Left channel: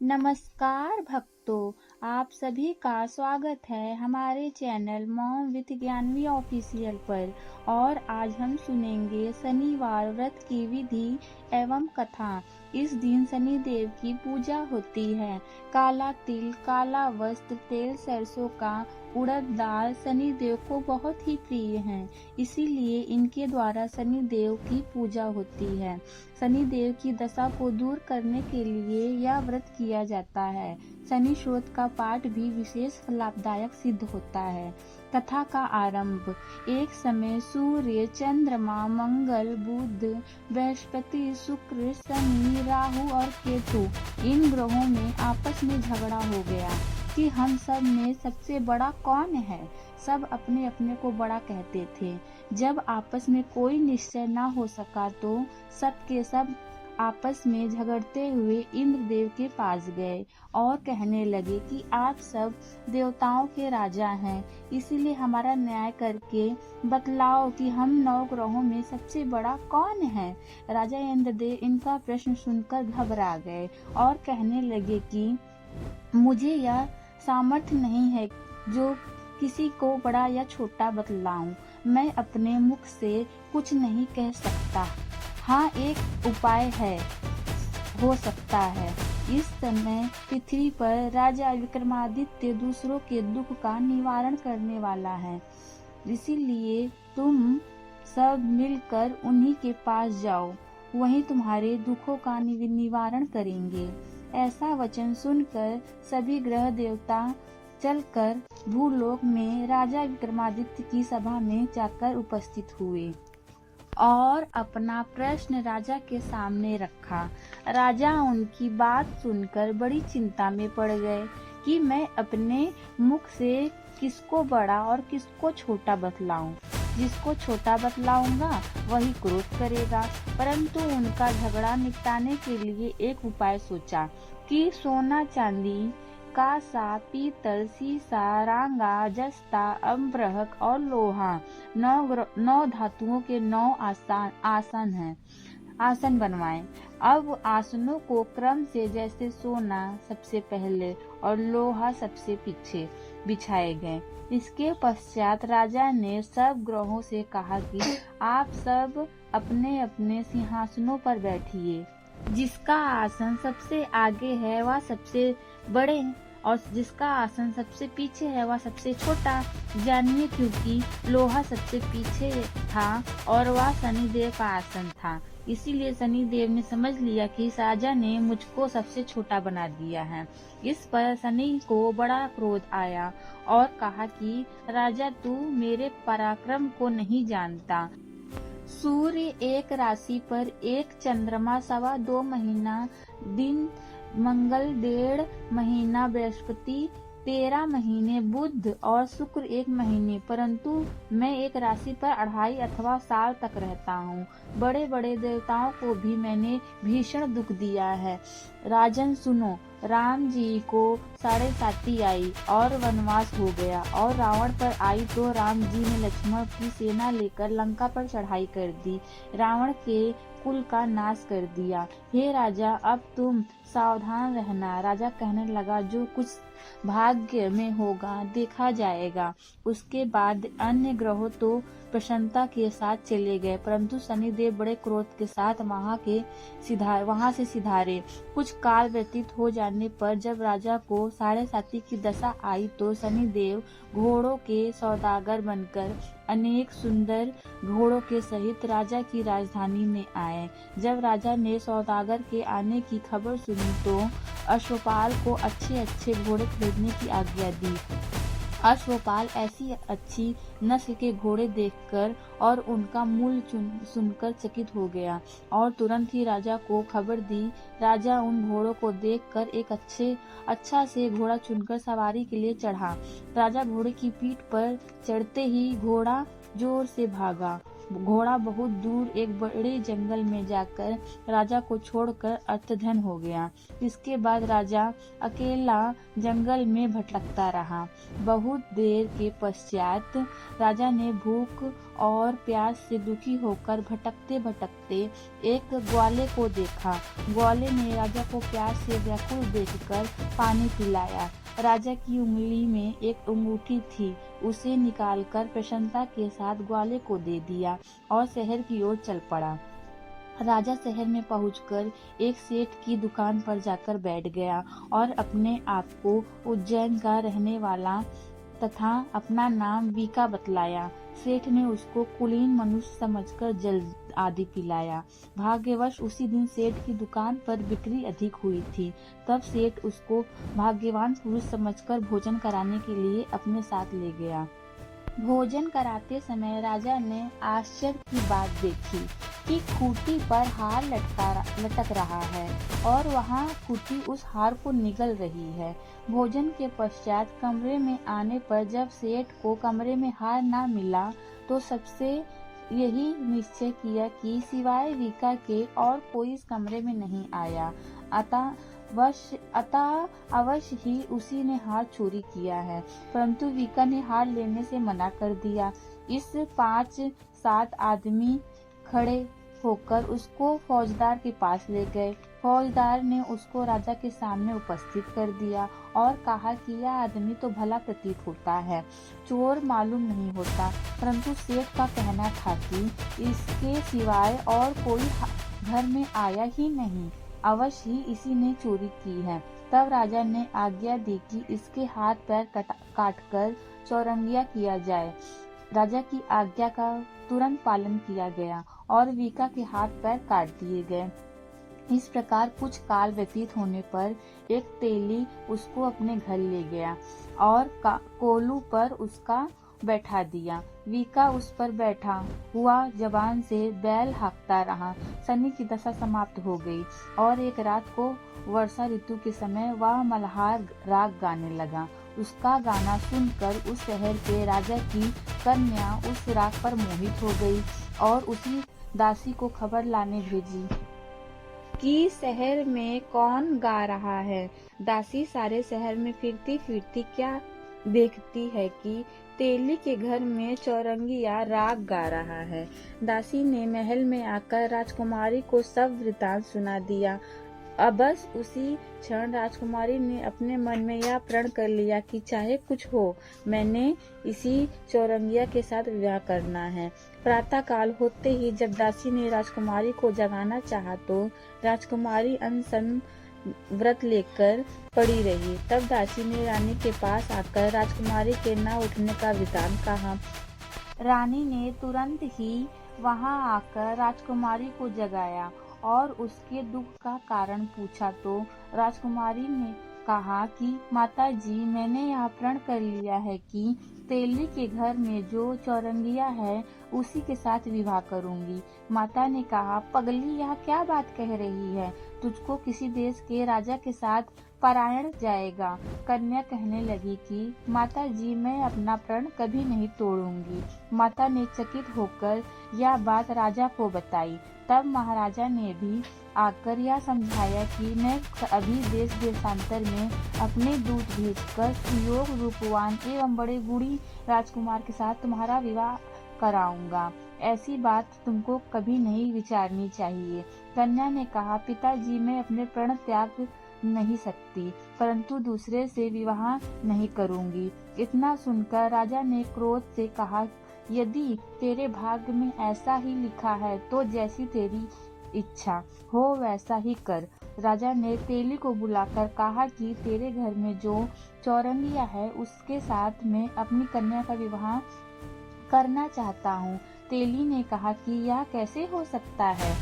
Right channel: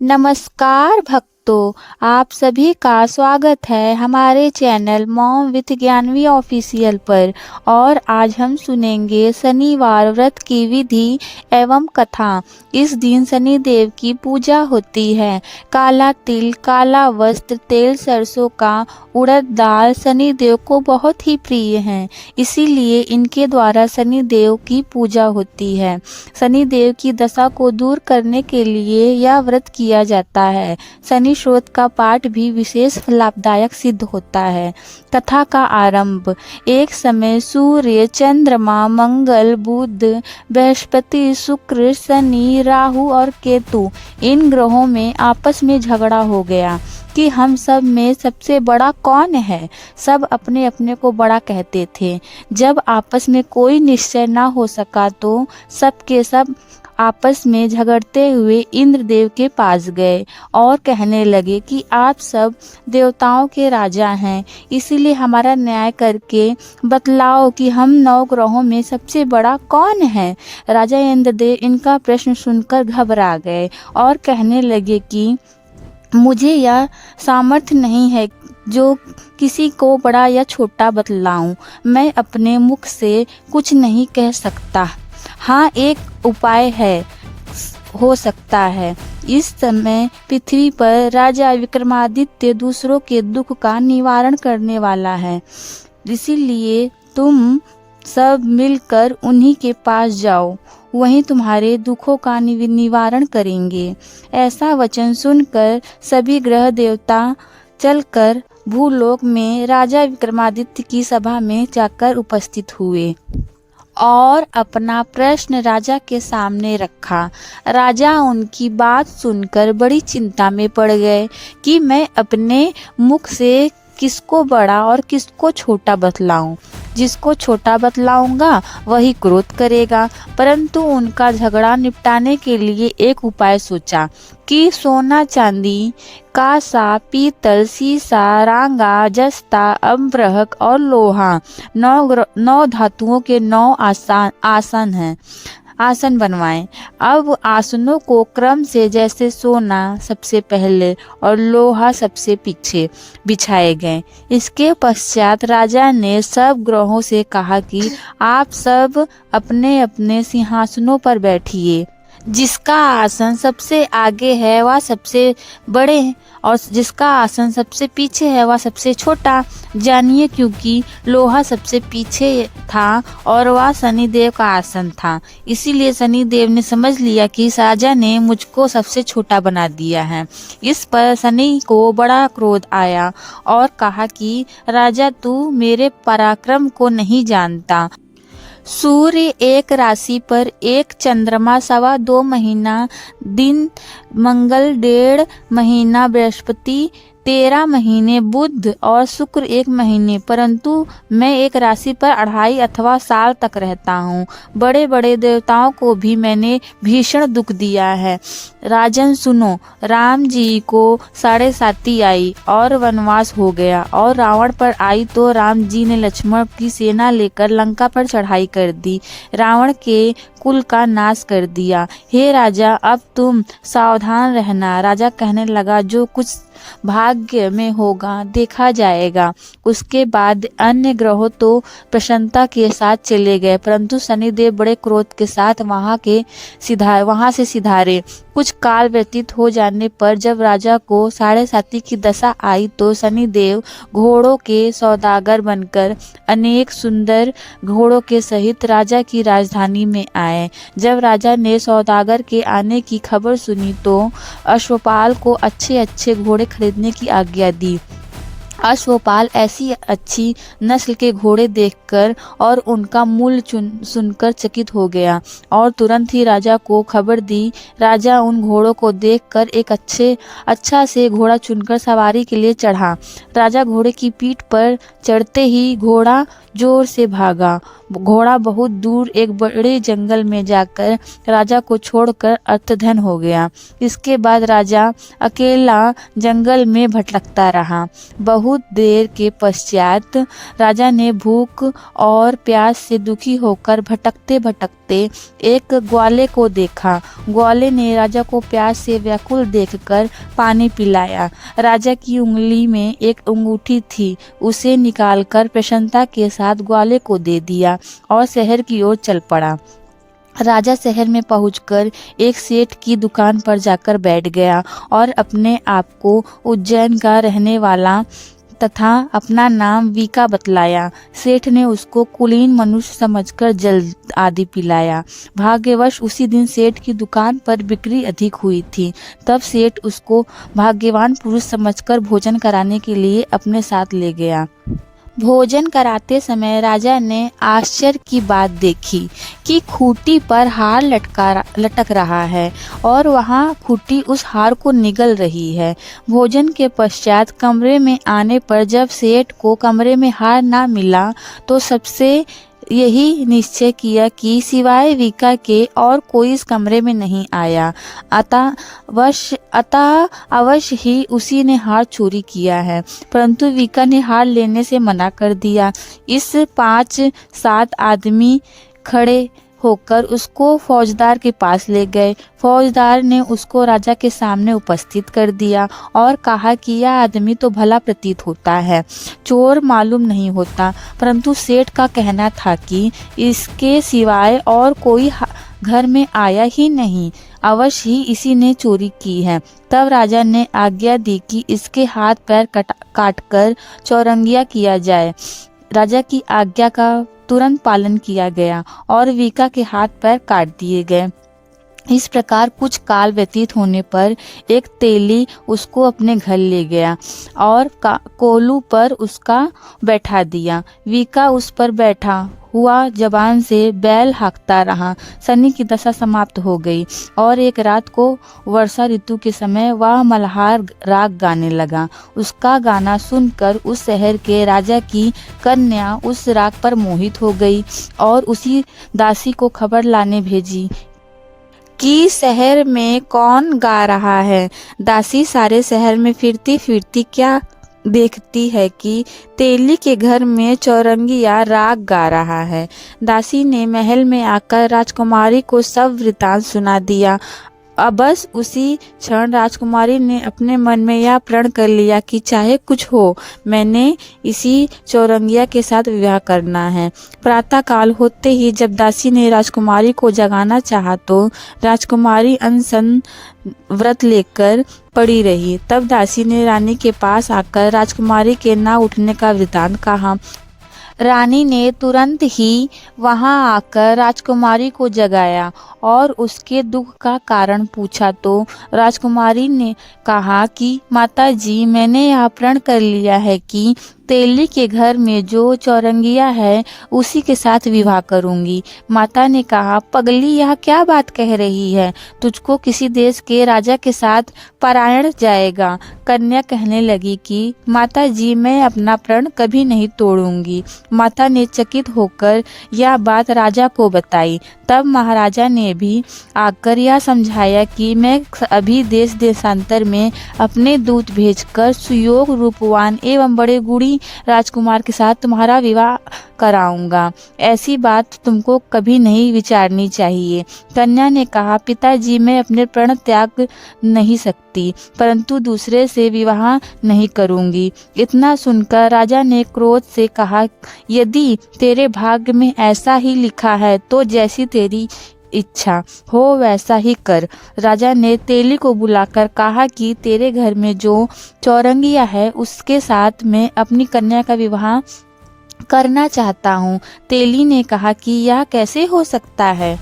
नमस्कार भक्तों, आप सभी का स्वागत है हमारे channel mom with Gyanvi official पर। और आज हम सुनेंगे शनिवार व्रत की विधि एवं कथा। इस दिन शनि देव की पूजा होती है। काला तिल, काला वस्त्र, तेल सरसों का, उड़द दाल शनि देव को बहुत ही प्रिय हैं। इसीलिए इनके द्वारा शनि देव की पूजा होती है। शनि देव की दशा को दूर करने के लिए यह व्रत किया जाता है। शनि स्रोत का पाठ भी विशेष लाभदायक सिद्ध होता है। कथा का आरंभ। एक समय सूर्य, चंद्रमा, मंगल, बुध, बृहस्पति, शुक्र, शनि, राहु और केतु इन ग्रहों में आपस में झगड़ा हो गया कि हम सब में सबसे बड़ा कौन है। सब अपने अपने को बड़ा कहते थे। जब आपस में कोई निश्चय न हो सका तो सब के सब आपस में झगड़ते हुए इंद्रदेव के पास गए और कहने लगे कि आप सब देवताओं के राजा हैं, इसीलिए हमारा न्याय करके बतलाओ कि हम 9 ग्रहों में सबसे बड़ा कौन है। राजा इंद्रदेव इनका प्रश्न सुनकर घबरा गए और कहने लगे कि मुझे यह सामर्थ्य नहीं है जो किसी को बड़ा या छोटा बतलाऊं। मैं अपने मुख से कुछ नहीं कह सकता। हाँ, एक उपाय हो सकता है। इस समय पृथ्वी पर राजा विक्रमादित्य दूसरों के दुख का निवारण करने वाला है, इसीलिए तुम सब मिलकर उन्हीं के पास जाओ, वहीं तुम्हारे दुखों का निवारण करेंगे। ऐसा वचन सुनकर सभी ग्रह देवता चलकर भूलोक में राजा विक्रमादित्य की सभा में जाकर उपस्थित हुए और अपना प्रश्न राजा के सामने रखा। राजा उनकी बात सुनकर बड़ी चिंता में पड़ गए कि मैं अपने मुख से किसको बड़ा और किसको छोटा बतलाऊं। जिसको छोटा बतलाऊंगा वही क्रोध करेगा। परंतु उनका झगड़ा निपटाने के लिए एक उपाय सोचा कि सोना, चांदी, कांसा, पीतल, सीसा, रांगा, जस्ता, अम्बरक और लोहा 9 धातुओं के 9 आसन बनवाएं। अब आसनों को क्रम से जैसे सोना सबसे पहले और लोहा सबसे पीछे बिछाए गए। इसके पश्चात राजा ने सब ग्रहों से कहा कि आप सब अपने अपने सिंहासनों पर बैठिए। जिसका आसन सबसे आगे है वह सबसे बड़े और जिसका आसन सबसे पीछे है वह सबसे छोटा जानिए, क्योंकि लोहा सबसे पीछे था और वह शनिदेव का आसन था। इसीलिए शनिदेव ने समझ लिया कि राजा ने मुझको सबसे छोटा बना दिया है। इस पर शनि को बड़ा क्रोध आया और कहा कि राजा, तू मेरे पराक्रम को नहीं जानता। सूर्य एक राशि पर, एक चंद्रमा 2.25 महीना दिन, मंगल 1.5 महीना, बृहस्पति 13 महीने, बुध और शुक्र 1 महीने, परंतु मैं एक राशि पर 2.5 अथवा साल तक रहता हूँ। बड़े बड़े देवताओं को भी मैंने भीषण दुख दिया है। राजन सुनो, राम जी को 7.5 आई और वनवास हो गया और रावण पर आई तो राम जी ने लक्ष्मण की सेना लेकर लंका पर चढ़ाई कर दी, रावण के कुल का नाश कर दिया। हे राजा, अब तुम सावधान रहना। राजा कहने लगा, जो कुछ भाग्य में होगा देखा जाएगा। उसके बाद अन्य ग्रहों तो प्रसन्नता के साथ चले गए, परंतु शनिदेव बड़े क्रोध के साथ वहां से सिधारे। कुछ काल व्यतीत हो जाने पर जब राजा को 7.5 की दशा आई तो शनिदेव घोड़ों के सौदागर बनकर अनेक सुंदर घोड़ों के सहित राजा की राजधानी में आए। जब राजा ने सौदागर के आने की खबर सुनी तो अश्वपाल को अच्छे अच्छे घोड़े खरीदने की आज्ञा दी। अश्वपाल ऐसी अच्छी नस्ल के घोड़े देखकर और उनका मूल्य सुनकर चकित हो गया और तुरंत ही राजा को खबर दी। राजा उन घोड़ों को देखकर एक अच्छा से घोड़ा चुनकर सवारी के लिए चढ़ा। राजा घोड़े की पीठ पर चढ़ते ही घोड़ा जोर से भागा। घोड़ा बहुत दूर एक बड़े जंगल में जाकर राजा को छोड़कर अर्थधन हो गया। इसके बाद राजा अकेला जंगल में भटकता रहा। बहुत देर के पश्चात राजा ने भूख और प्यास से दुखी होकर भटकते भटकते देखते एक ग्वाले को देखा। ग्वाले ने राजा को प्यास से व्याकुल देखकर पानी पिलाया। राजा की उंगली में एक अंगूठी थी, उसे निकालकर प्रसन्नता के साथ ग्वाले को दे दिया और शहर की ओर चल पड़ा। राजा शहर में पहुंचकर एक सेठ की दुकान पर जाकर बैठ गया और अपने आप को उज्जैन का रहने वाला तथा अपना नाम वीका बतलाया। सेठ ने उसको कुलीन मनुष्य समझकर जल आदि पिलाया। भाग्यवश उसी दिन सेठ की दुकान पर बिक्री अधिक हुई थी। तब सेठ उसको भाग्यवान पुरुष समझकर भोजन कराने के लिए अपने साथ ले गया। भोजन कराते समय राजा ने आश्चर्य की बात देखी कि खूंटी पर हार लटक रहा है और वहाँ खूंटी उस हार को निगल रही है। भोजन के पश्चात कमरे में आने पर जब सेठ को कमरे में हार ना मिला तो सबसे यही निश्चय किया कि सिवाय वीका के और कोई इस कमरे में नहीं आया, अतः अवश्य ही उसी ने हार चोरी किया है। परंतु वीका ने हार लेने से मना कर दिया। इस 5-7 आदमी खड़े होकर उसको फौजदार के पास ले गए। फौजदार ने उसको राजा के सामने उपस्थित कर दिया और कहा कि यह आदमी तो भला प्रतीत होता है, चोर मालूम नहीं होता, परंतु सेठ का कहना था कि इसके सिवाय और कोई घर में आया ही नहीं, अवश्य ही इसी ने चोरी की है। तब राजा ने आज्ञा दी कि इसके हाथ पैर काटकर चौरंगिया किया जाए। राजा की आज्ञा का तुरंत पालन किया गया और वीका के हाथ पैर काट दिए गए। इस प्रकार कुछ काल व्यतीत होने पर एक तेली उसको अपने घर ले गया और कोलू पर उसका बैठा दिया। वीका उस पर बैठा हुआ जबान से बैल हाँकता रहा। शनि की दशा समाप्त हो गई और एक रात को वर्षा ऋतु के समय वह मल्हार राग गाने लगा। उसका गाना सुनकर उस शहर के राजा की कन्या उस राग पर मोहित हो गई और उसी दासी को खबर लाने भेजी कि शहर में कौन गा रहा है। दासी सारे शहर में फिरती फिरती क्या देखती है कि तेली के घर में चौरंगिया राग गा रहा है। दासी ने महल में आकर राजकुमारी को सब वृतांत सुना दिया। अब बस उसी क्षण राजकुमारी ने अपने मन में यह प्रण कर लिया कि चाहे कुछ हो, मैंने इसी चौरंगिया के साथ विवाह करना है। प्रातः काल होते ही जब दासी ने राजकुमारी को जगाना चाहा तो राजकुमारी अनशन व्रत लेकर पड़ी रही। तब दासी ने रानी के पास आकर राजकुमारी के ना उठने का वृतांत कहा। रानी ने तुरंत ही वहां आकर राजकुमारी को जगाया और उसके दुख का कारण पूछा तो राजकुमारी ने कहा कि माता जी, मैंने यह प्रण कर लिया है कि तेली के घर में जो चौरंगिया है उसी के साथ विवाह करूंगी। माता ने कहा, पगली, यह क्या बात कह रही है? तुझको किसी देश के राजा के साथ परायण जाएगा। कन्या कहने लगी कि माता जी, मैं अपना प्रण कभी नहीं तोड़ूंगी। माता ने चकित होकर यह बात राजा को बताई। तब महाराजा ने भी आकर यह समझाया कि मैं अभी देश देशांतर में अपने दूत भेजकर सुयोग रूपवान एवं बड़े गुणी राजकुमार के साथ तुम्हारा विवाह कराऊंगा। ऐसी बात तुमको कभी नहीं विचारनी चाहिए। कन्या ने कहा, पिताजी, मैं अपने प्रण त्याग नहीं सकती, परंतु दूसरे से विवाह नहीं करूंगी। इतना सुनकर राजा ने क्रोध से कहा, यदि तेरे भाग्य में ऐसा ही लिखा है तो जैसी तेरी इच्छा हो वैसा ही कर। राजा ने तेली को बुलाकर कहा कि तेरे घर में जो चौरंगिया है उसके साथ मैं अपनी कन्या का विवाह करना चाहता हूँ। तेली ने कहा कि यह कैसे हो सकता है?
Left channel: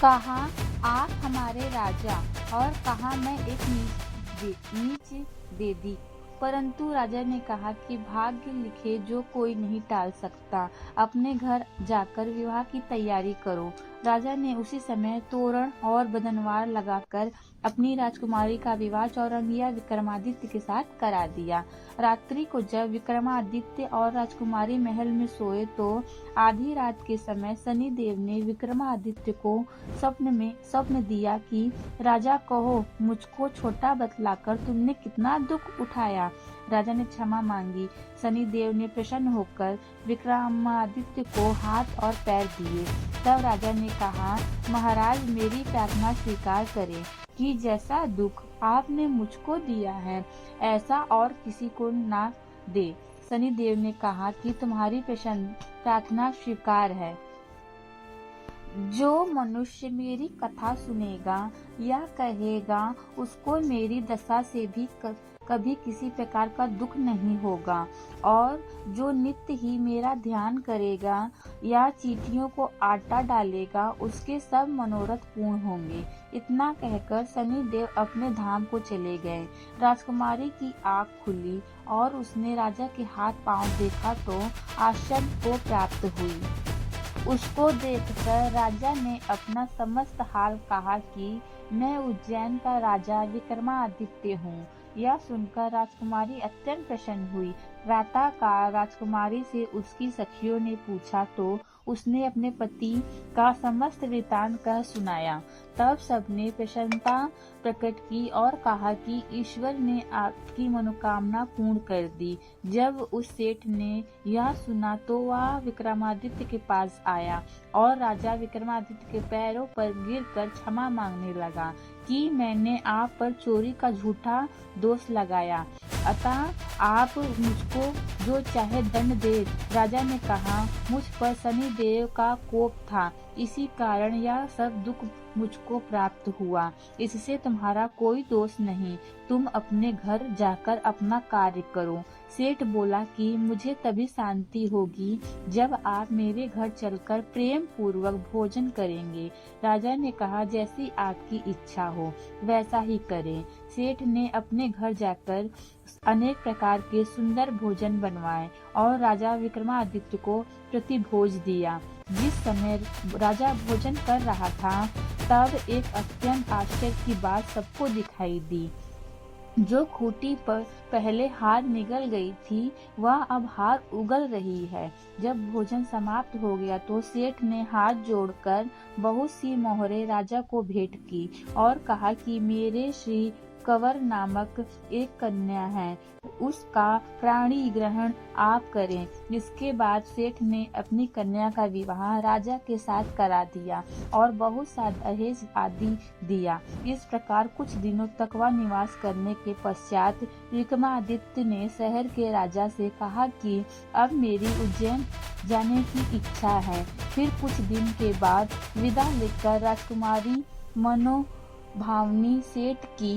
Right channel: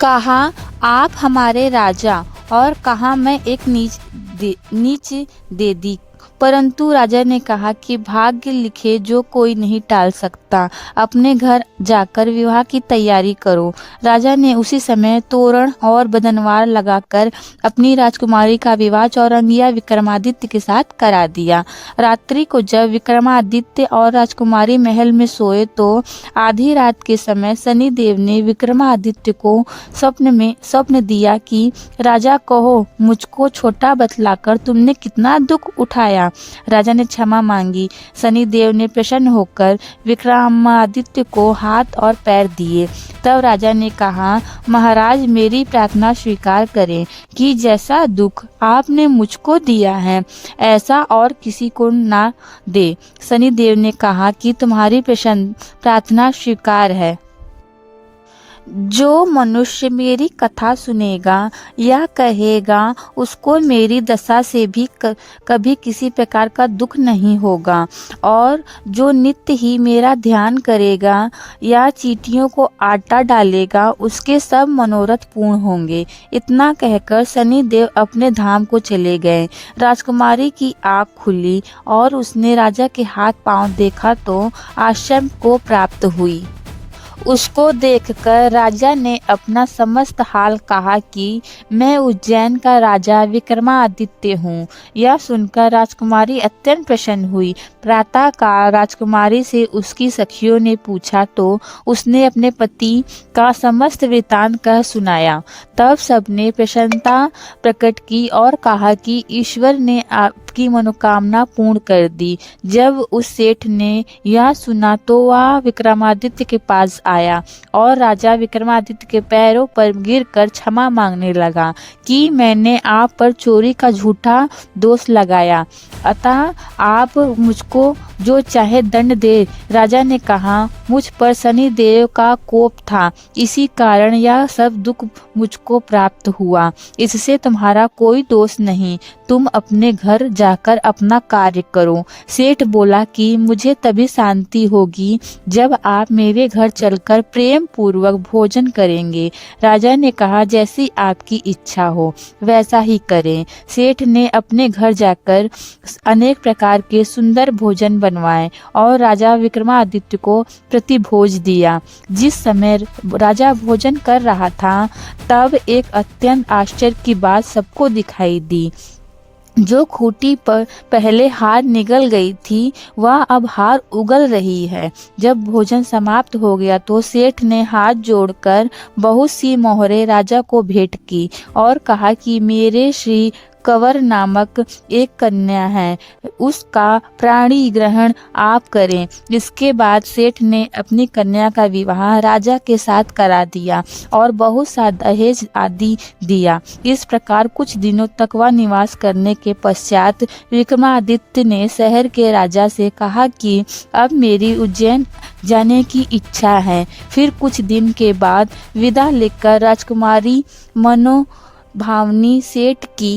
कहा, आप हमारे राजा और कहा मैं एक नीच दे दी। परंतु राजा ने कहा कि भाग्य लिखे जो कोई नहीं टाल सकता, अपने घर जाकर विवाह की तैयारी करो। राजा ने उसी समय तोरण और बदनवार लगाकर अपनी राजकुमारी का विवाह चौरंगिया विक्रमादित्य के साथ करा दिया। रात्रि को जब विक्रमादित्य और राजकुमारी महल में सोए तो आधी रात के समय शनिदेव ने विक्रमादित्य को स्वप्न दिया कि राजा कहो, मुझको छोटा बतलाकर तुमने कितना दुख उठाया। राजा ने क्षमा मांगी। शनिदेव ने प्रसन्न होकर विक्रमादित्य को हाथ और पैर दिए। तब राजा ने कहा, महाराज मेरी प्रार्थना स्वीकार करें कि जैसा दुख आपने मुझको दिया है ऐसा और किसी को ना दे। शनिदेव ने कहा कि तुम्हारी प्रार्थना स्वीकार है। जो मनुष्य मेरी कथा सुनेगा या कहेगा उसको मेरी दशा से भी कभी किसी प्रकार का दुख नहीं होगा, और जो नित्य ही मेरा ध्यान करेगा या चींटियों को आटा डालेगा उसके सब मनोरथ पूर्ण होंगे। इतना कहकर शनिदेव अपने धाम को चले गए। राजकुमारी की आँख खुली और उसने राजा के हाथ पांव देखा तो आश्चर्य को प्राप्त हुई। उसको देखकर राजा ने अपना समस्त हाल कहा कि मैं उज्जैन का राजा विक्रमादित्य हूँ। यह सुनकर राजकुमारी अत्यंत प्रसन्न हुई। प्रातःकाल राजकुमारी से उसकी सखियों ने पूछा तो उसने अपने पति का समस्त वृत्तांत कह सुनाया। तब सबने प्रसन्नता प्रकट की और कहा कि ईश्वर ने आपकी मनोकामना पूर्ण कर दी। जब उस सेठ ने यह सुना तो वह विक्रमादित्य के पास आया और राजा विक्रमादित्य के पैरों पर गिरकर क्षमा मांगने लगा कि मैंने आप पर चोरी का झूठा दोष लगाया, अतः आप मुझको जो चाहे दंड दे। राजा ने कहा, मुझ पर शनिदेव का कोप था, इसी कारण यह सब दुख मुझको प्राप्त हुआ। इससे तुम्हारा कोई दोष नहीं, तुम अपने घर जाकर अपना कार्य करो। सेठ बोला कि मुझे तभी शांति होगी जब आप मेरे घर चलकर प्रेम पूर्वक भोजन करेंगे। राजा ने कहा, जैसी आपकी इच्छा हो वैसा ही करें। सेठ ने अपने घर जाकर अनेक प्रकार के सुंदर भोजन बनवाए और राजा विक्रमादित्य को प्रतिभोज दिया। जिस समय राजा भोजन कर रहा था तब एक अत्यंत आश्चर्य की बात सबको दिखाई दी। जो खूंटी पर पहले हार निगल गई थी वह अब हार उगल रही है। जब भोजन समाप्त हो गया तो सेठ ने हाथ जोड़कर बहुत सी मोहरें राजा को भेंट की और कहा कि मेरे श्री कंवर नामक एक कन्या है, उसका प्राणी ग्रहण आप करें। इसके बाद सेठ ने अपनी कन्या का विवाह राजा के साथ करा दिया और बहुत सा दहेज आदि दिया। इस प्रकार कुछ दिनों तक वह निवास करने के पश्चात विक्रमादित्य ने शहर के राजा से कहा कि अब मेरी उज्जैन जाने की इच्छा है। फिर कुछ दिन के बाद विदा लेकर राजकुमारी मनोभावनी सेठ की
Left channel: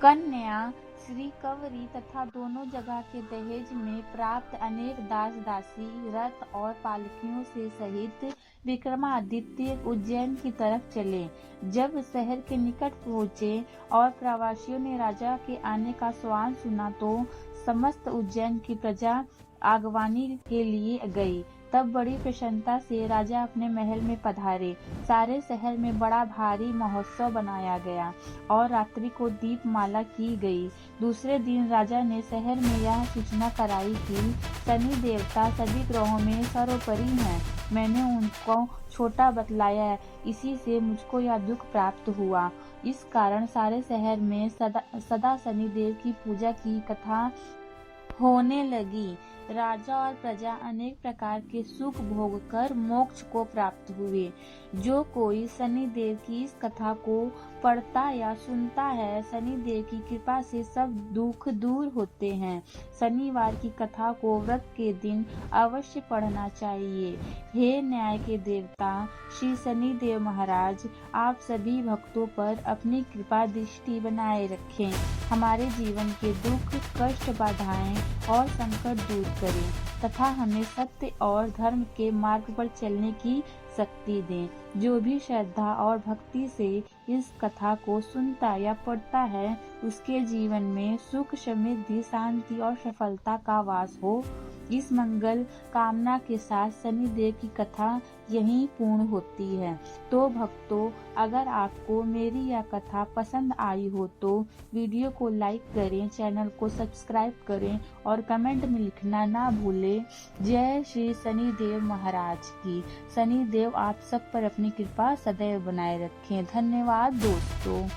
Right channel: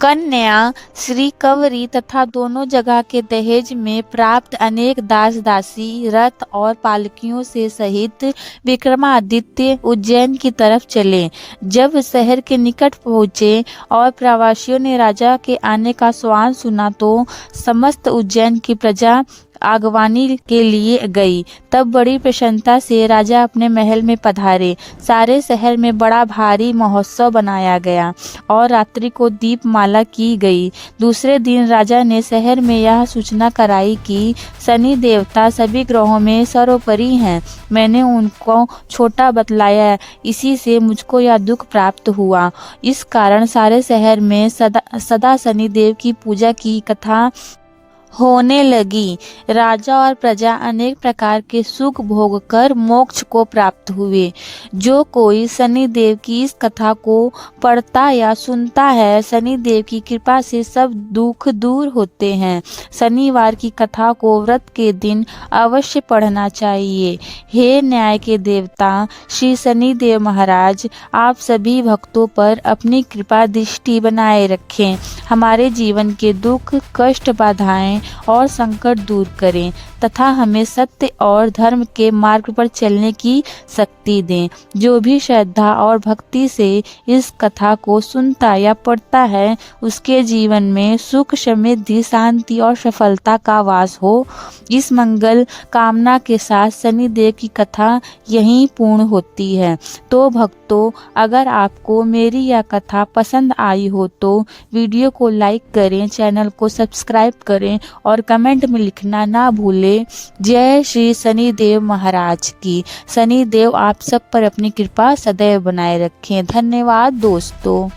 कन्या श्री कंवरी तथा दोनों जगह के दहेज में प्राप्त अनेक दास दासी रथ और पालकियों से सहित विक्रमादित्य उज्जैन की तरफ चले। जब शहर के निकट पहुँचे और प्रवासियों ने राजा के आने का स्वान सुना तो समस्त उज्जैन की प्रजा आगवानी के लिए गई। तब बड़ी प्रसन्नता से राजा अपने महल में पधारे। सारे शहर में बड़ा भारी महोत्सव बनाया गया और रात्रि को दीपमाला की गई। दूसरे दिन राजा ने शहर में यह सूचना कराई कि शनि देवता सभी ग्रहों में सर्वोपरि हैं। मैंने उनको छोटा बतलाया, इसी से मुझको यह दुख प्राप्त हुआ। इस कारण सारे शहर में सदा शनि देव की पूजा की कथा होने लगी। राजा और प्रजा अनेक प्रकार के सुख भोग कर मोक्ष को प्राप्त हुए। जो कोई शनि देव की इस कथा को पढ़ता या सुनता है, शनि देव की कृपा से सब दुख दूर होते हैं। शनिवार की कथा को व्रत के दिन अवश्य पढ़ना चाहिए। हे न्याय के देवता श्री शनि देव महाराज, आप सभी भक्तों पर अपनी कृपा दृष्टि बनाए रखें। हमारे जीवन के दुख कष्ट बाधाएं और संकट दूर करें तथा हमें सत्य और धर्म के मार्ग पर चलने की शक्ति दें। जो भी श्रद्धा और भक्ति से इस कथा को सुनता या पढ़ता है उसके जीवन में सुख समृद्धि शांति और सफलता का वास हो। इस मंगल कामना के साथ शनि देव की कथा यहीं पूर्ण होती है। तो भक्तों, अगर आपको मेरी यह कथा पसंद आई हो तो वीडियो को लाइक करें, चैनल को सब्सक्राइब करें और कमेंट में लिखना ना भूलें। जय श्री शनि देव महाराज की। शनि देव आप सब पर अपनी कृपा सदैव बनाए रखें। धन्यवाद दोस्तों।